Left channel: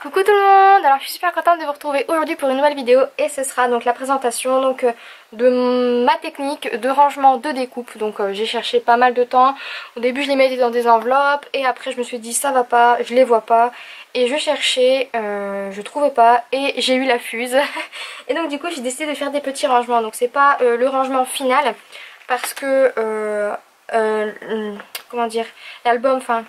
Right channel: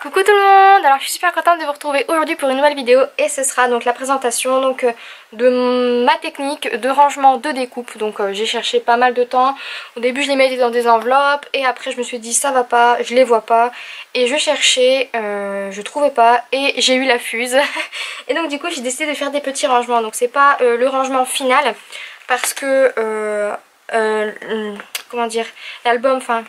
Coucou tout le monde, alors je suis super contente de vous retrouver aujourd'hui pour une nouvelle vidéo et ce sera donc la présentation de ma technique de rangement de découpe. Donc j'ai cherché pas mal de temps, au début je les mettais dans des enveloppes et après je me suis dit ça va pas, je les vois pas et je cherchais, je trouvais pas et j'ai eu la fuse. Et donc du coup j'ai décidé de faire des petits rangements, donc c'est pas le rangement final parce que comment dire, l'album, enfin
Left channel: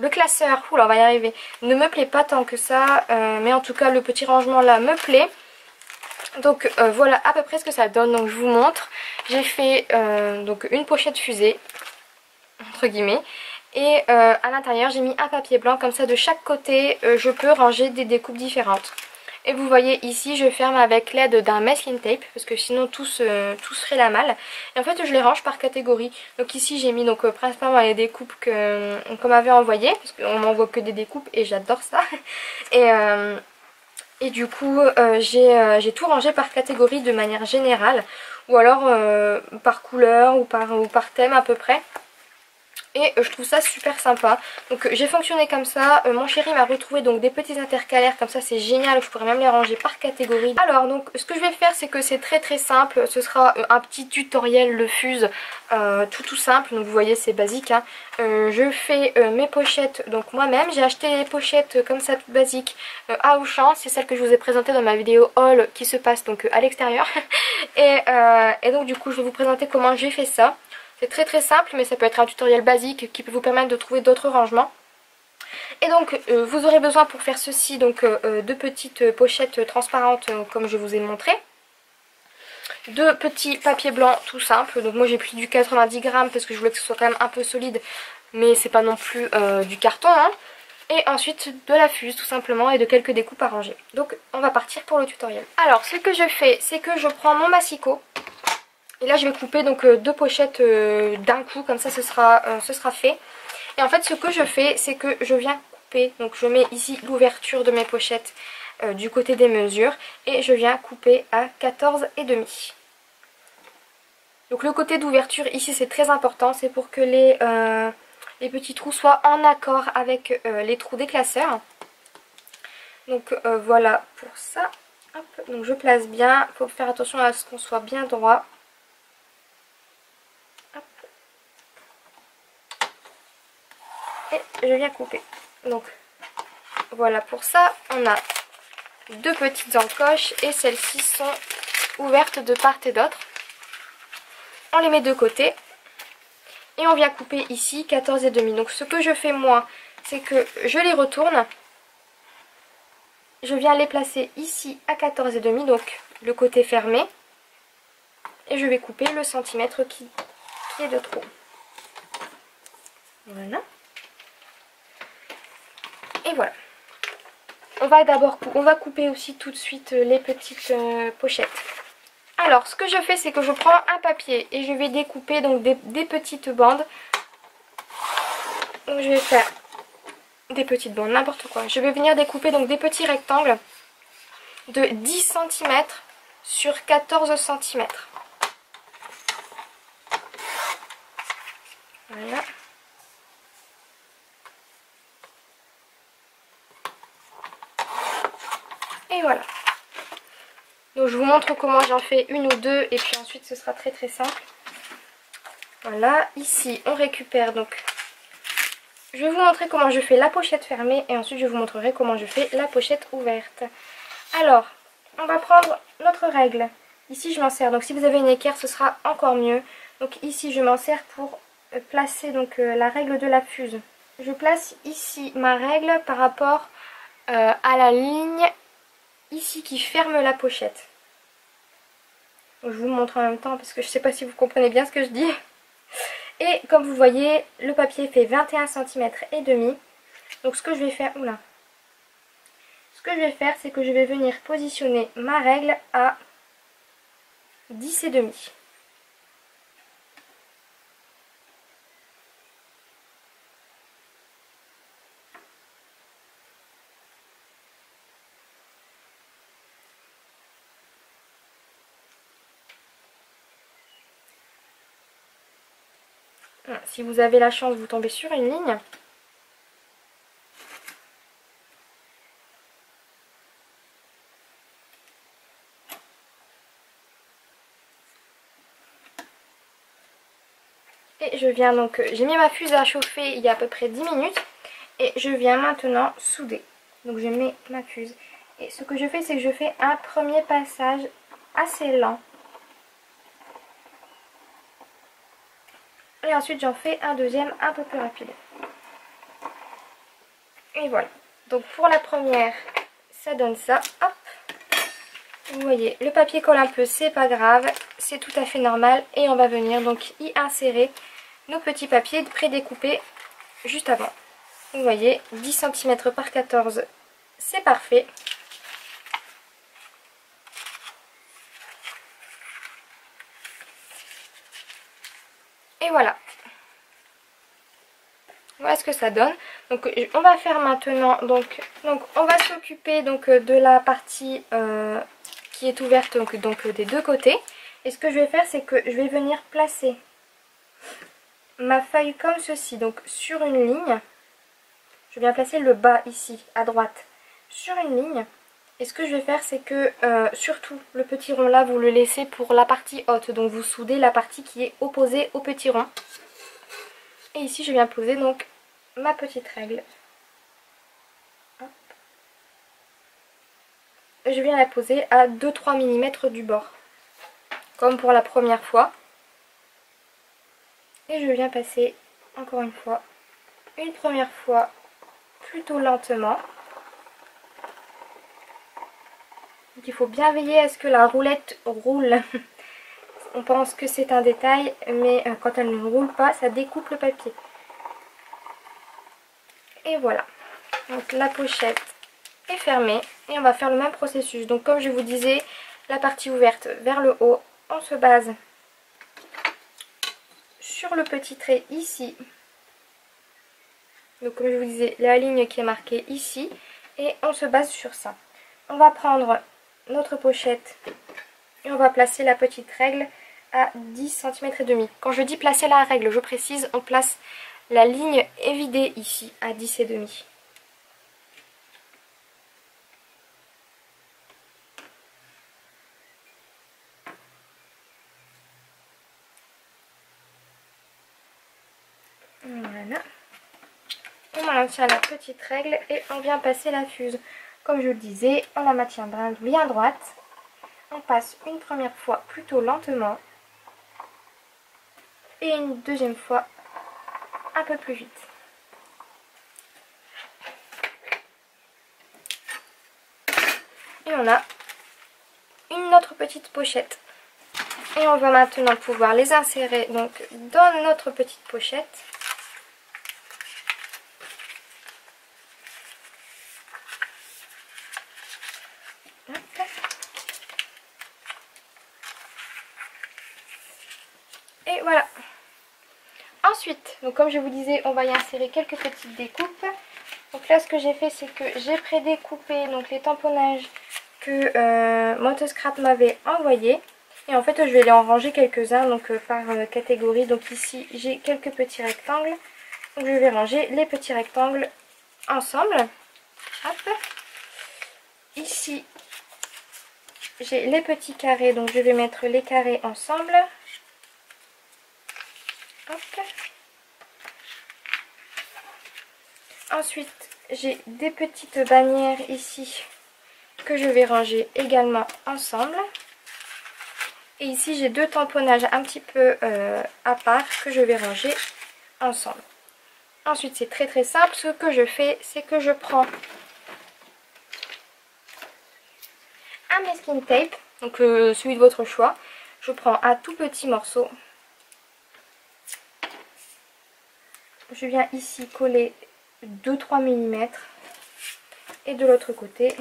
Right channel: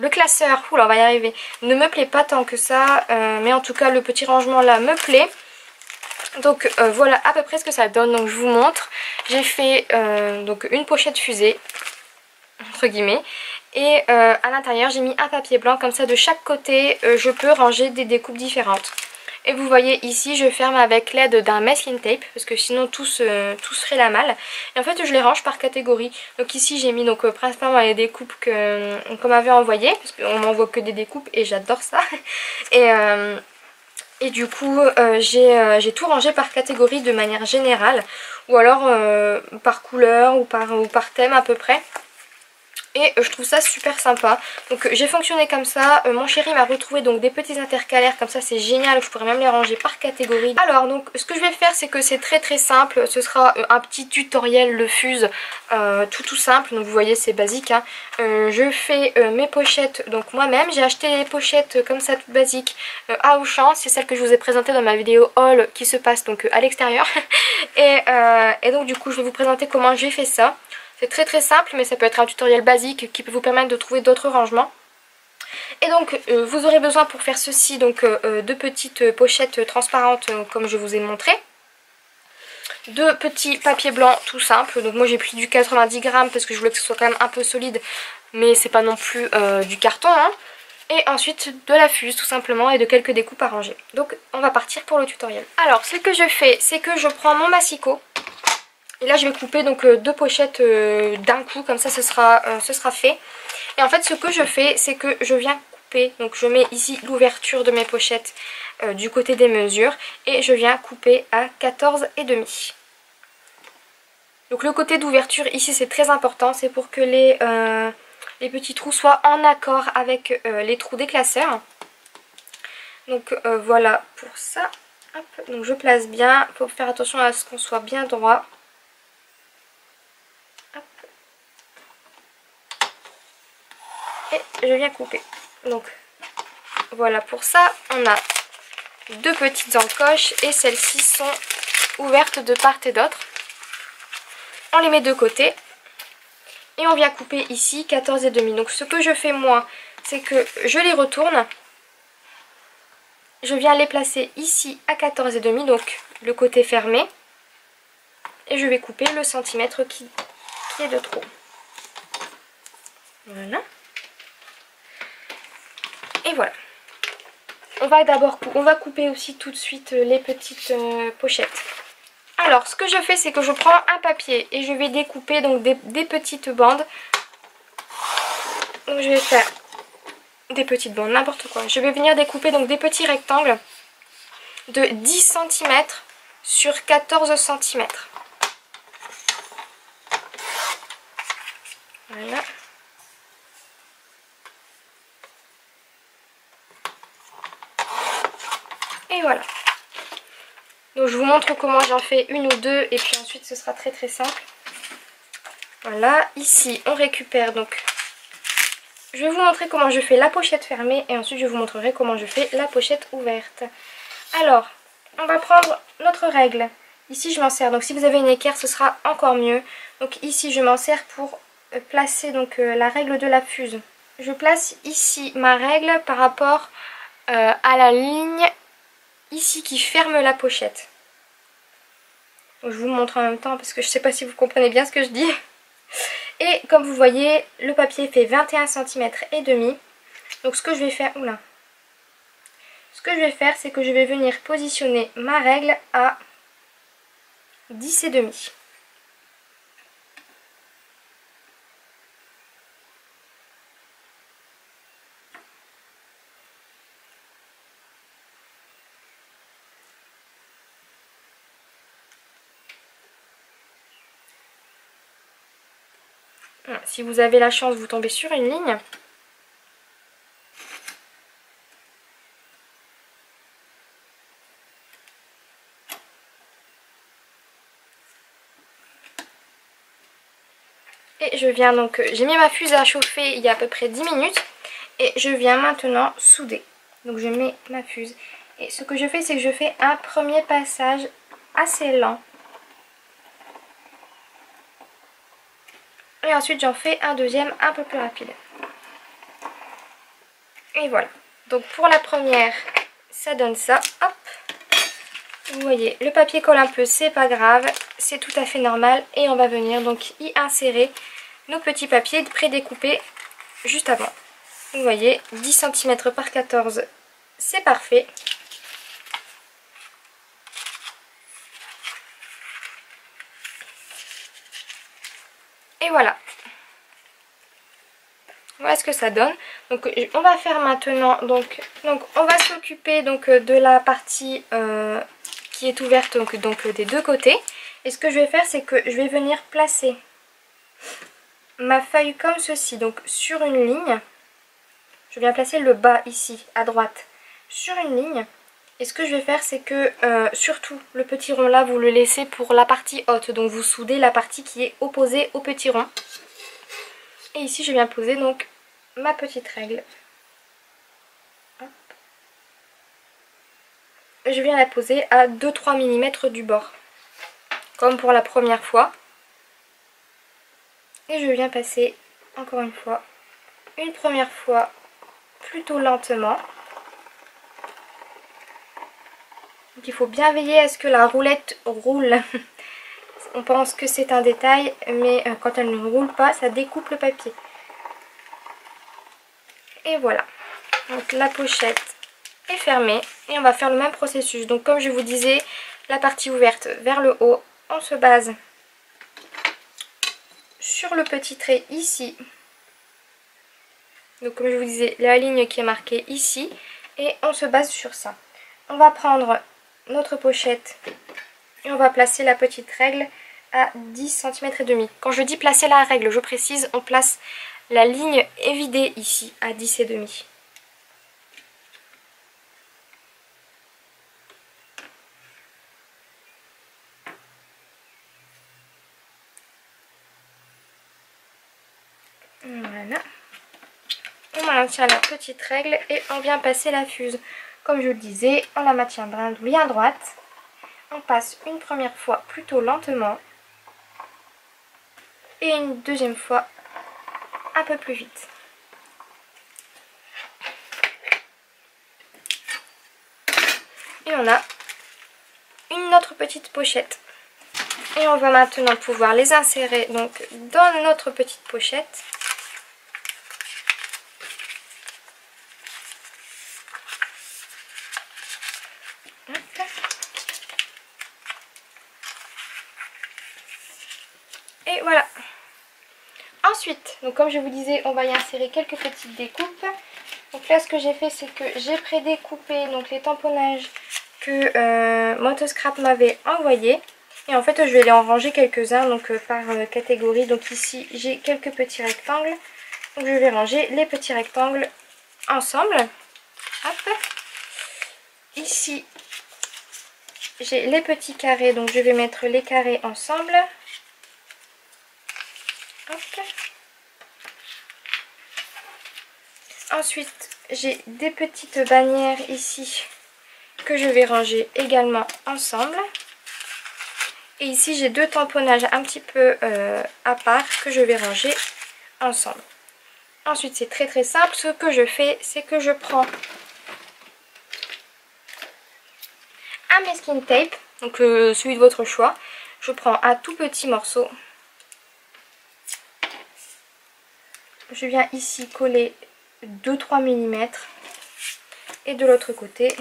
le classeur, oula on va y arriver, ne me plaît pas tant que ça, mais en tout cas le petit rangement là me plaît. Donc voilà à peu près ce que ça donne, donc je vous montre. J'ai fait donc une pochette fusée, entre guillemets, et à l'intérieur j'ai mis un papier blanc, comme ça de chaque côté je peux ranger des découpes différentes. Et vous voyez ici je ferme avec l'aide d'un masking tape parce que sinon tout serait la malle. Et en fait je les range par catégorie. Donc ici j'ai mis donc principalement les découpes qu'on m'avait envoyées, parce qu'on m'envoie que des découpes et j'adore ça. Et du coup j'ai tout rangé par catégorie de manière générale, ou alors par couleur ou par thème à peu près. Et je trouve ça super sympa. Donc j'ai fonctionné comme ça. Mon chéri m'a retrouvé donc des petits intercalaires, comme ça c'est génial. Je pourrais même les ranger par catégorie. Alors donc ce que je vais faire, c'est que c'est très simple. Ce sera un petit tutoriel le fuse, tout simple. Donc vous voyez c'est basique, hein. Je fais mes pochettes donc moi-même. J'ai acheté les pochettes comme ça toutes basiques à Auchan. C'est celle que je vous ai présentée dans ma vidéo haul qui se passe donc à l'extérieur. Et donc du coup je vais vous présenter comment j'ai fait ça. C'est très simple, mais ça peut être un tutoriel basique qui peut vous permettre de trouver d'autres rangements. Et donc vous aurez besoin pour faire ceci donc de petites pochettes transparentes comme je vous ai montré. De petits papiers blancs tout simple. Donc moi j'ai pris du 90 grammes parce que je voulais que ce soit quand même un peu solide, mais c'est pas non plus du carton, hein. Et ensuite de la fuse tout simplement et de quelques découpes à ranger. Donc on va partir pour le tutoriel. Alors ce que je fais, c'est que je prends mon massicot. Et là je vais couper donc deux pochettes d'un coup, comme ça ce sera fait. Et en fait ce que je fais, c'est que je viens couper, donc je mets ici l'ouverture de mes pochettes du côté des mesures. Et je viens couper à 14,5. Donc le côté d'ouverture ici c'est très important, c'est pour que les petits trous soient en accord avec les trous des classeurs. Donc voilà pour ça. Hop. Donc je place bien, il faut faire attention à ce qu'on soit bien droit. Et je viens couper. Donc voilà pour ça. On a deux petites encoches et celles-ci sont ouvertes de part et d'autre. On les met de côté et on vient couper ici 14,5. Donc ce que je fais moi, c'est que je les retourne. Je viens les placer ici à 14,5, donc le côté fermé. Et je vais couper le centimètre qui est de trop. Voilà. Et voilà. On va couper aussi tout de suite les petites pochettes. Alors ce que je fais, c'est que je prends un papier et je vais découper donc des petites bandes. Donc je vais faire des petites bandes, n'importe quoi. Je vais venir découper donc des petits rectangles de 10 cm sur 14 cm. Voilà. Et voilà. Donc je vous montre comment j'en fais une ou deux et puis ensuite ce sera très simple. Voilà, ici on récupère donc. Je vais vous montrer comment je fais la pochette fermée et ensuite je vous montrerai comment je fais la pochette ouverte. Alors, on va prendre notre règle. Ici je m'en sers, donc si vous avez une équerre ce sera encore mieux. Donc ici je m'en sers pour placer donc la règle de la fuse. Je place ici ma règle par rapport à la ligne ici qui ferme la pochette. Donc, je vous montre en même temps parce que je ne sais pas si vous comprenez bien ce que je dis. Et comme vous voyez, le papier fait 21 cm et demi. Donc ce que je vais faire, ce que je vais faire, c'est que je vais venir positionner ma règle à 10,5. Si vous avez la chance, vous tombez sur une ligne. Et je viens donc, j'ai mis ma fuse à chauffer il y a à peu près 10 minutes. Et je viens maintenant souder. Donc je mets ma fuse. Et ce que je fais, c'est que je fais un premier passage assez lent. Et ensuite j'en fais un deuxième un peu plus rapide. Et voilà. Donc pour la première, ça donne ça. Hop. Vous voyez, le papier colle un peu, c'est pas grave. C'est tout à fait normal. Et on va venir donc y insérer nos petits papiers prédécoupés juste avant. Vous voyez, 10 cm par 14, c'est parfait. Et voilà. Voilà ce que ça donne. Donc on va faire maintenant, donc on va s'occuper donc de la partie qui est ouverte donc des deux côtés. Et ce que je vais faire, c'est que je vais venir placer ma feuille comme ceci, donc sur une ligne. Je viens placer le bas ici, à droite, sur une ligne. Et ce que je vais faire, c'est que surtout le petit rond là, vous le laissez pour la partie haute. Donc vous soudez la partie qui est opposée au petit rond. Et ici, je viens poser donc ma petite règle. Hop. Je viens la poser à 2-3 mm du bord. Comme pour la première fois. Et je viens passer, encore une fois, une première fois plutôt lentement. Donc il faut bien veiller à ce que la roulette roule. On pense que c'est un détail, mais quand elle ne roule pas, ça découpe le papier. Et voilà. Donc la pochette est fermée. Et on va faire le même processus. Donc comme je vous disais, la partie ouverte vers le haut, on se base sur le petit trait ici. Donc comme je vous disais, la ligne qui est marquée ici. Et on se base sur ça. On va prendre notre pochette et on va placer la petite règle à 10 cm et demi. Quand je dis placer la règle, je précise, on place la ligne évidée ici à 10 et demi. Voilà. On maintient la petite règle et on vient passer la fuse. Comme je vous le disais, on la maintient bien droite. On passe une première fois plutôt lentement. Et une deuxième fois un peu plus vite. Et on a une autre petite pochette. Et on va maintenant pouvoir les insérer donc dans notre petite pochette. Et voilà. Ensuite, donc comme je vous disais, on va y insérer quelques petites découpes. Donc là, ce que j'ai fait, c'est que j'ai prédécoupé donc les tamponnages que Motoscrap m'avait envoyés. Et en fait, je vais les en ranger quelques-uns donc par catégorie. Donc ici, j'ai quelques petits rectangles. Donc je vais ranger les petits rectangles ensemble. Hop. Ici, j'ai les petits carrés. Donc je vais mettre les carrés ensemble. Hop. Ensuite, j'ai des petites bannières ici que je vais ranger également ensemble. Et ici, j'ai deux tamponnages un petit peu à part que je vais ranger ensemble. Ensuite, c'est très très simple. Ce que je fais, c'est que je prends un masking tape, donc celui de votre choix. Je prends un tout petit morceau. Je viens ici coller 2-3 mm. Et de l'autre côté,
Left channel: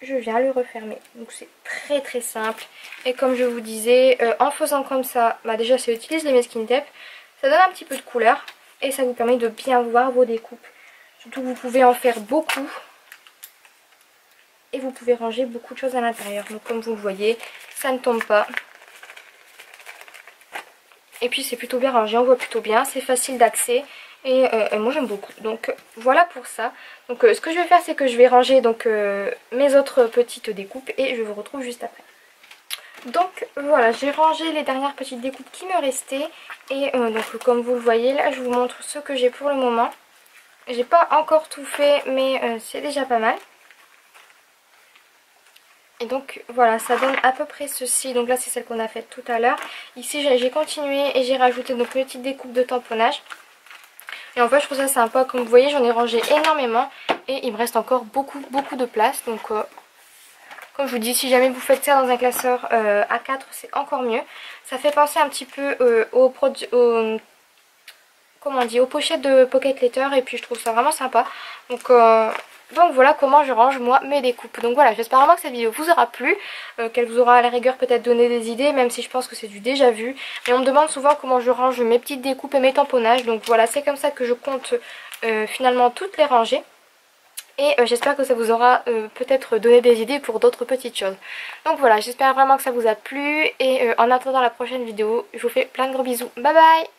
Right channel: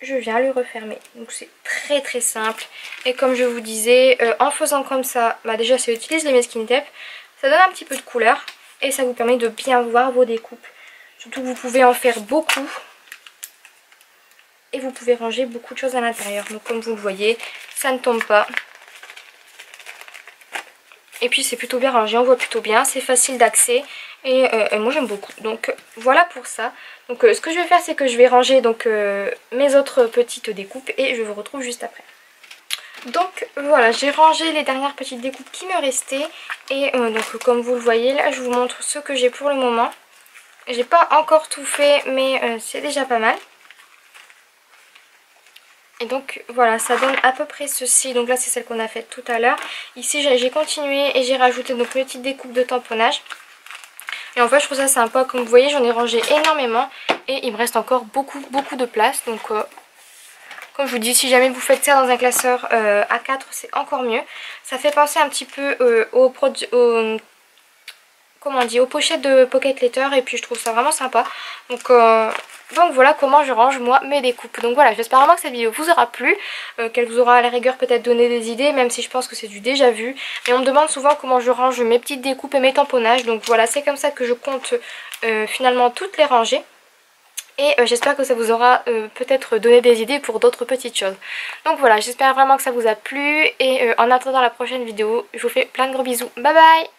je viens le refermer. Donc c'est très très simple. Et comme je vous disais, en faisant comme ça, bah déjà ça utilise les masking tape. Ça donne un petit peu de couleur. Et ça vous permet de bien voir vos découpes. Surtout que vous pouvez en faire beaucoup. Et vous pouvez ranger beaucoup de choses à l'intérieur. Donc comme vous le voyez, ça ne tombe pas. Et puis c'est plutôt bien rangé, on voit plutôt bien, c'est facile d'accès et moi j'aime beaucoup. Donc voilà pour ça. Donc ce que je vais faire, c'est que je vais ranger donc mes autres petites découpes et je vous retrouve juste après. Donc voilà, j'ai rangé les dernières petites découpes qui me restaient. Et donc comme vous le voyez là, je vous montre ce que j'ai pour le moment. J'ai pas encore tout fait, mais c'est déjà pas mal. Et donc voilà, ça donne à peu près ceci. Donc là c'est celle qu'on a faite tout à l'heure. Ici j'ai continué et j'ai rajouté donc une petite découpe de tamponnage. Et en fait je trouve ça sympa, comme vous voyez j'en ai rangé énormément. Et il me reste encore beaucoup de place. Donc comme je vous dis, si jamais vous faites ça dans un classeur A4 c'est encore mieux. Ça fait penser un petit peu comment on dit, aux pochettes de Pocket Letter. Et puis je trouve ça vraiment sympa. Donc voilà comment je range moi mes découpes. Donc voilà, j'espère vraiment que cette vidéo vous aura plu, qu'elle vous aura à la rigueur peut-être donné des idées, même si je pense que c'est du déjà vu. Mais on me demande souvent comment je range mes petites découpes et mes tamponnages. Donc voilà, c'est comme ça que je compte finalement toutes les ranger. Et j'espère que ça vous aura peut-être donné des idées pour d'autres petites choses. Donc voilà, j'espère vraiment que ça vous a plu. Et en attendant la prochaine vidéo, je vous fais plein de gros bisous. Bye bye!